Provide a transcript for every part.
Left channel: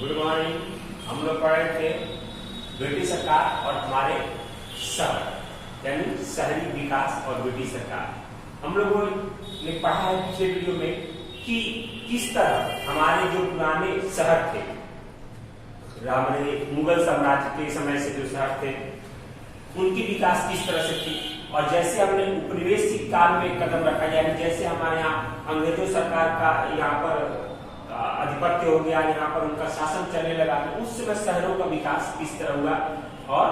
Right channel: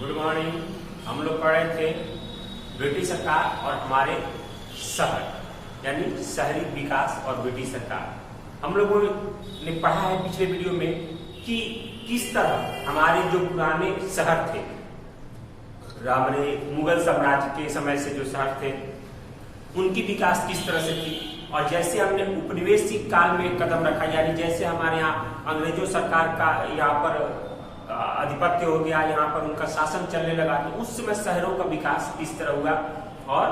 Good morning. हम लोग पढ़ रहे थे ब्रिटिश सरकार और हमारे शहर यानी शहरी विकास और ब्रिटिश सरकार। हम लोगों ने पढ़ा है पिछले वीडियो में कि किस तरह हमारे जो पुराने शहर थे, हमारे मुगल साम्राज्य के समय से जो शहर थे उनकी विकास किस तरह से थी। और जैसे हमने उपनिवेशिक काल में कदम रखा, यानी जैसे हमारे यहाँ अंग्रेजों सरकार का यहाँ पर आधिपत्य हो गया, यहाँ पर उनका शासन चलने लगा, तो उस समय शहरों का विकास किस तरह हुआ और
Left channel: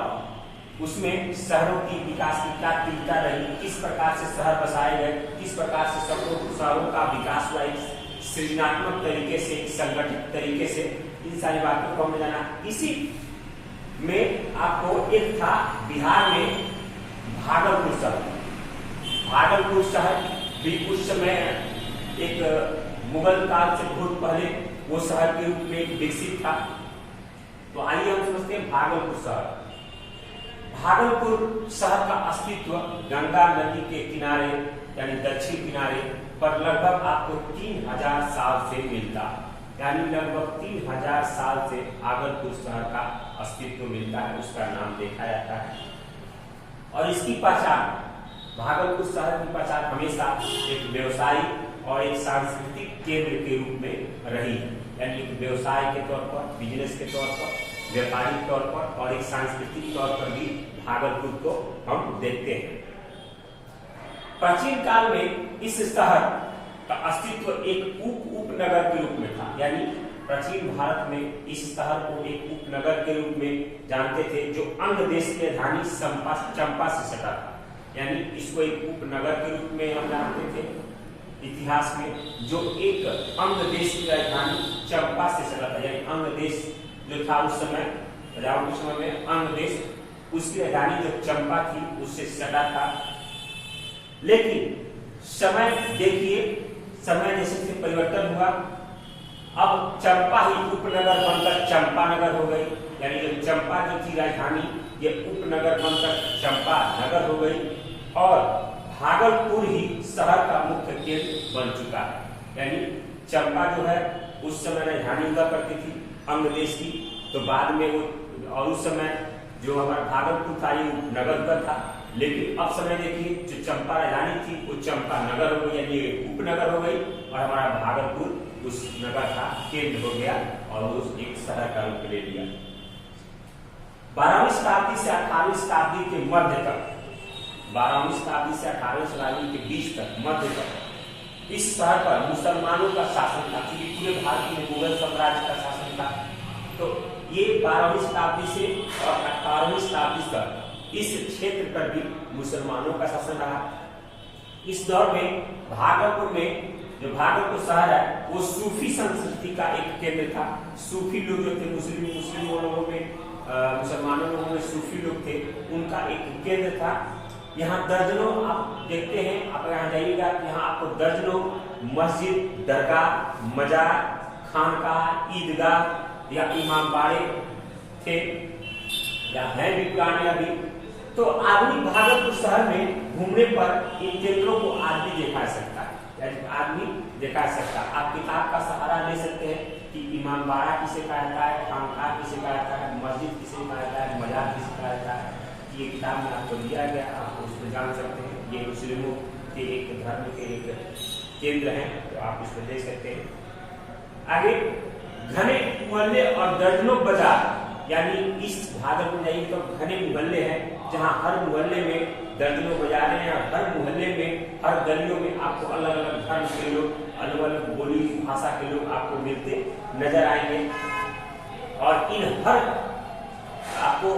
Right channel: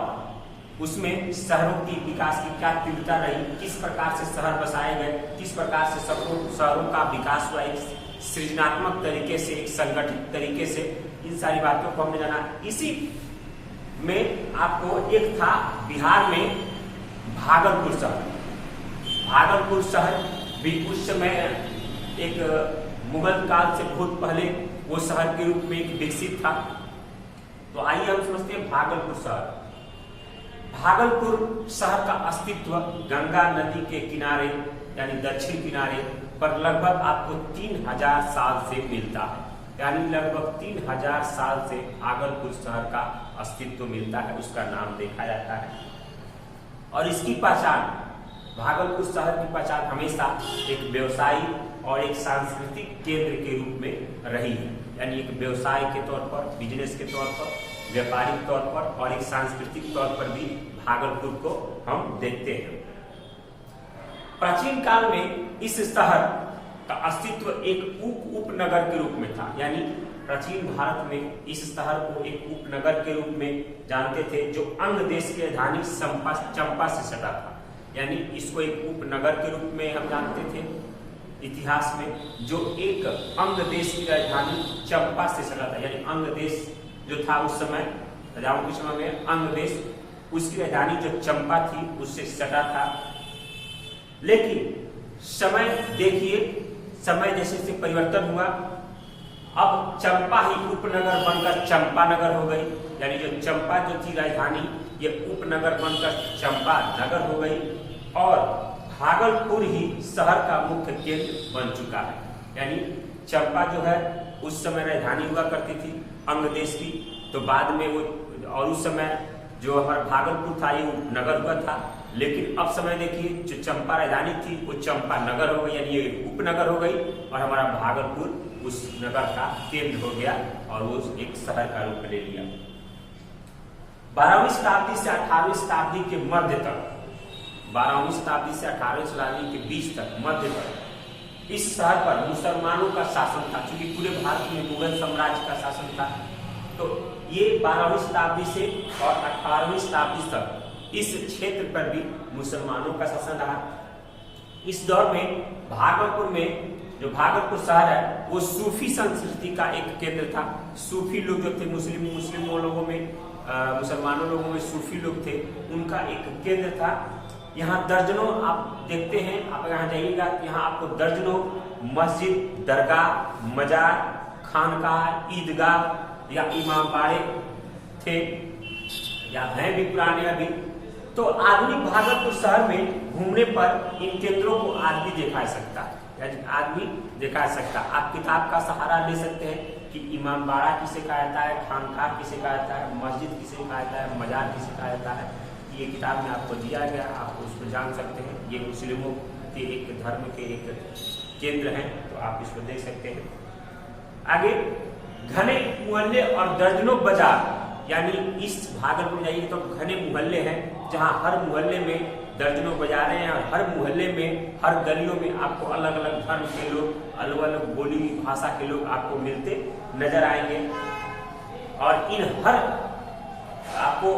उसमें शहरों की विकास की क्या तीव्रता रही, किस प्रकार से शहर बसाए गए, किस प्रकार से शहरों का विकास हुआ एक सृजनात्मक तरीके से, एक संगठित तरीके से। इन सारी बातों को हमने जाना। इसी में आपको एक था बिहार में भागलपुर शहर। भागलपुर शहर भी उस समय एक मुगल काल से बहुत पहले वो शहर के रूप में विकसित था। तो आइए हम समझते हैं भागलपुर शहर। भागलपुर शहर का अस्तित्व गंगा नदी के किनारे यानी दक्षिण किनारे पर लगभग आपको 3000 साल से मिलता है, यानी लगभग 3000 साल से भागलपुर शहर का अस्तित्व मिलता है, उसका नाम देखा जाता है। और इसकी पहचान, भागलपुर शहर की पहचान हमेशा एक व्यवसायी और एक सांस्कृतिक केंद्र के रूप में रही है, यानी एक व्यवसाय के तौर पर, बिजनेस के तौर पर, व्यापारिक तौर पर और एक सांस्कृतिक तौर पर भी भागलपुर को हम देखते हैं। प्राचीन काल में इस शहर का अस्तित्व एक उपनगर के रूप में था, यानी प्राचीन भारत में इस शहर को एक उपनगर के रूप में जानते थे, जो अंग देश की राजधानी चंपा से सटा था, यानी इसको एक उपनगर के रूप में हम जानते थे इतिहास में, जो एक अंग देश की राजधानी चंपा से सटा था, यानी अंग देश जो था उस समय राजाओं के समय में अंग देश, उसकी राजधानी जो चंपा थी उससे सटा था। लेकिन समय देखिए, समय जैसे जैसे परिवर्तन हुआ, अब चंपा ही उपनगर बनकर चंपानगर हो गई, यानी जो चंपा जो थी राजधानी ये उपनगर बनकर चंपा नगर हो गई और भागलपुर ही शहर का मुख्य केंद्र बन चुका है। यानी चंपा जो है उस समय राजधानी हुआ करती थी अंग देश की, तो बाद में वो, और उस समय जो हमारा भागलपुर था ये उपनगर हुआ था। लेकिन अब समय देखिए, जो चंपा राजधानी थी वो चंपा नगर हो गई, यानी ये उपनगर हो गई और हमारा भागलपुर उस नगर का केंद्र हो गया और वो एक शहर का रूप ले लिया। 12वीं शताब्दी से 18वीं शताब्दी के मध्य तक, 12वीं शताब्दी से 18वीं शताब्दी के बीच तक, मध्य तक इस शहर पर मुसलमानों का शासन था, क्योंकि पूरे भारत में मुगल साम्राज्य का शासन था। तो ये 12वीं शताब्दी से और 18वीं शताब्दी तक इस क्षेत्र पर भी मुसलमानों का शासन रहा। इस दौर में भागलपुर में, जो भागलपुर शहर है वो सूफी संस्कृति का एक केंद्र था। सूफी लोग जो थे, मुस्लिम लोगों में, मुसलमानों लोगों में सूफी लोग थे, उनका एक केंद्र था। यहाँ दर्जनों आप देखते हैं, आप यहाँ जाइएगा, यहाँ आपको दर्जनों मस्जिद, दरगाह, मजार, खानकाह, ईदगाह या इमाम बाड़े थे या हैं भी पुराने अभी। तो आदमी भागलपुर शहर में घूमने पर इन केंद्रों को आदमी दिखा सकता है, यानी आदमी दिखा सकता है। आप किताब का सहारा ले सकते हैं कि इमाम बाड़ा किसे कहा जाता है, खानकाह किसे कहा जाता है, मस्जिद किसे कहा जाता है, मजार किसे कहा जाता है। ये किताब में आपको दिया गया, आप उसको जान सकते हैं। ये मुस्लिमों के एक धर्म के एक केंद्र हैं, तो आप इसको देख सकते हैं। आगे घने मोहल्ले और दर्जनों बाजार, यानी इस भागलपुर जाइए तो घने मोहल्ले हैं, जहां हर मोहल्ले में दर्जनों बाजारें हैं, हर मोहल्ले में, हर गलियों में आपको अलग अलग धर्म के लोग, अलग अलग बोली भाषा के लोग आपको मिलते नजर आएंगे। और इन हर आपको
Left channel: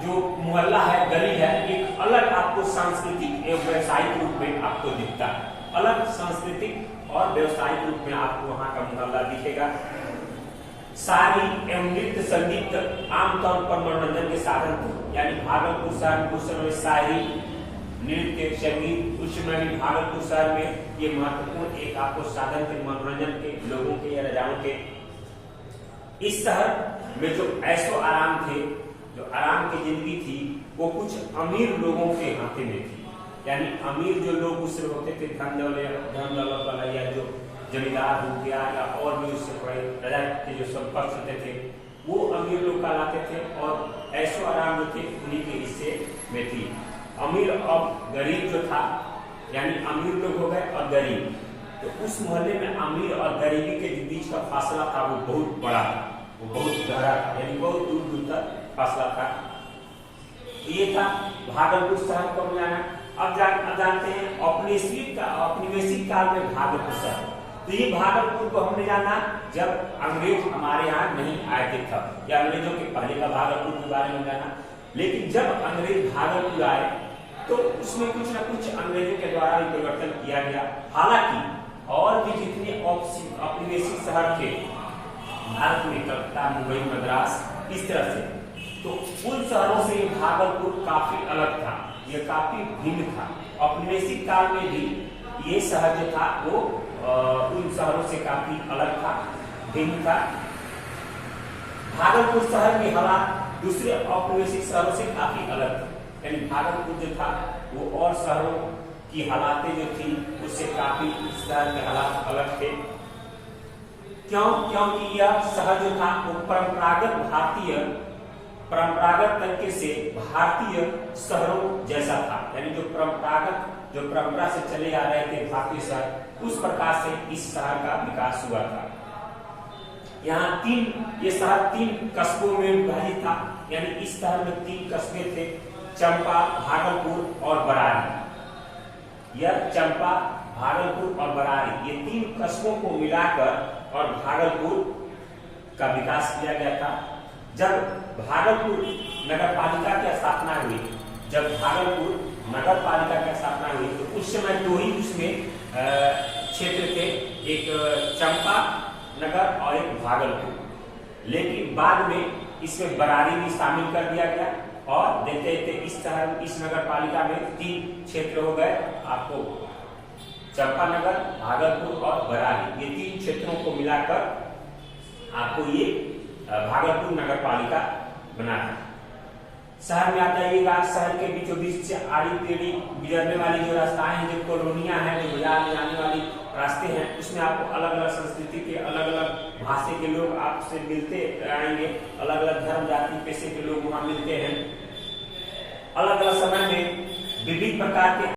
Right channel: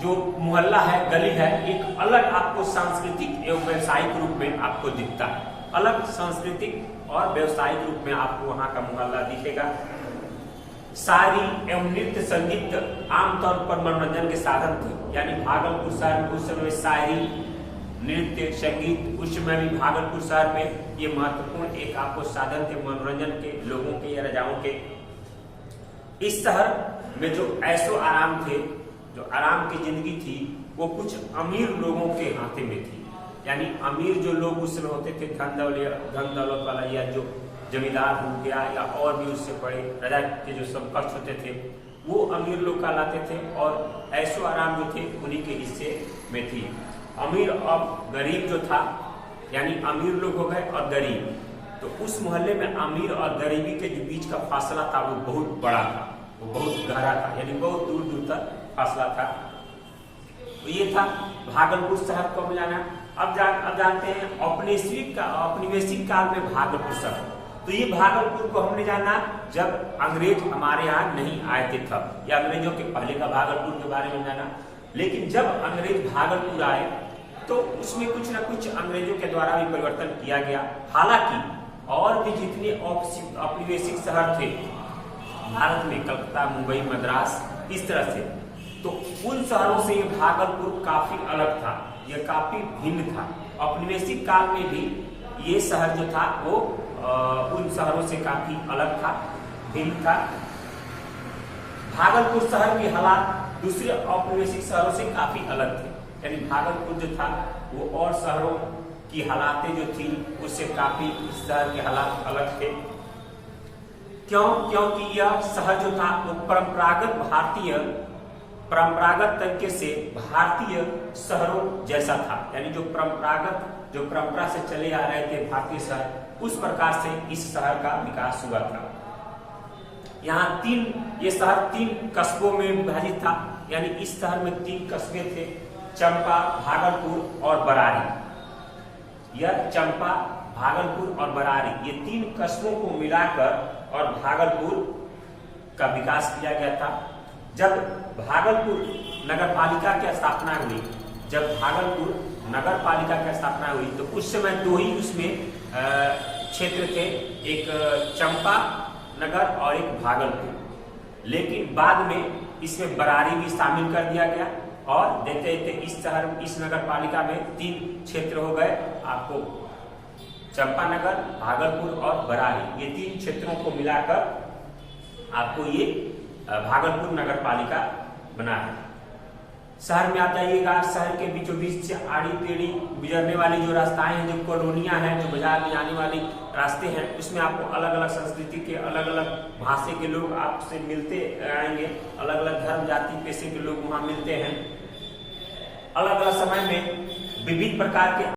जो मोहल्ला है, गली है, एक अलग आपको सांस्कृतिक एवं व्यवसायिक रूप में आपको दिखता है। अलग सांस्कृतिक और व्यवसायिक रूप में आपको वहां का मोहल्ला दिखेगा। शादी एवं नृत्य संगीत आमतौर पर मनोरंजन के साधन थे, यानी भागलपुर शहर में उस समय शायरी, नृत्य, संगीत, उस समय भी भागलपुर शहर में ये महत्वपूर्ण एक आपको साधन थे मनोरंजन के, लोगों के या राजाओं के। इस शहर में जो ऐशो आराम थे, जो आराम की जिंदगी थी, वो कुछ अमीर लोगों के हाथे में थी, यानी अमीर जो लोग उस समय होते थे, धन दौलत वाला या जो जमींदार हो गया या और भी उससे बड़े प्रजा के जो समकक्ष होते थे वो अमीर लोग कहलाते थे, और ऐशो आराम जो थे उन्हीं के हिस्से में थी। अमीर और गरीब जो था, यानी अमीर लोग हो गए और गरीब, तो उस मोहल्ले में अमीर और गरीबी के जो बीच का फासला था वो बहुत बड़ा था, वो बहुत गहरा था, यानी बहुत दूर दूर तक फासला था। तो ये था भागलपुर शहर को हम जाना। अब जानते हैं औपनिवेशिक काल में भागलपुर शहर। तो ये भागलपुर को हमने जाना जब अंग्रेज हमारे यहाँ नहीं आए थे तब, या अंग्रेजों के पहले का भागलपुर के बारे में जाना। लेकिन जब अंग्रेज भागलपुर आए तो उसमें कुछ ना कुछ अंग्रेजों के द्वारा भी परिवर्तन किया गया। हालांकि और भी जितने औपनिवेशिक शहर थे भारत में, कलकत्ता, मुंबई, मद्रास, इस तरह से, तो उन शहरों से भागलपुर काफी अलग था, यह काफी भिन्न था। औपनिवेशिक काल में भी ये शहर जो था वो उन शहरों से काफी अलग था, भिन्न था। भागलपुर शहर के हालात दूसरे औपनिवेशिक शहरों से काफी अलग थे, यानी भागलपुर जो था वो और शहरों की हालातें जो थी उससे काफी इस शहर के हालात अलग थे। क्योंकि यह शहर जो था वो परंपरागत तरीके से भारतीय शहरों जैसा था, यानी जो परंपरा से चले आ रहे थे भारतीय शहर, उस प्रकार से इस शहर का विकास हुआ था। यहाँ ये शहर 3 कस्बों में विभाजित था, यानी इस शहर में 3 कस्बे थे, चंपा, भागलपुर और बरारी। यह चंपा, भागलपुर और बरारी, ये 3 कस्बों को मिलाकर और भागलपुर का विकास किया गया था। जब भागलपुर नगर पालिका की स्थापना हुई, तो उस समय 2 ही उसमें क्षेत्र थे, एक चंपा नगर और एक भागलपुर। लेकिन बाद में इसमें बरारी भी शामिल कर दिया गया, और देखते देखते इस नगर पालिका में 3 क्षेत्र हो गए आपको, चंपानगर, भागलपुर और बरारी। ये 3 क्षेत्रों को मिलाकर आपको ये भागलपुर नगर पालिका बना है। शहर में आता है ये गांव, शहर के बीचों बीच से आड़ी टेढ़ी गुजरने वाली जो रास्ताएं हैं, जो कॉलोनियां हैं, जो बाजार में जाने वाली रास्ते हैं, उसमें आपको अलग अलग संस्कृति के, अलग अलग भाषा के लोग आपसे मिलते आएंगे, अलग अलग धर्म जाति पेशे के लोग वहां मिलते हैं। अलग अलग समय में विविध प्रकार के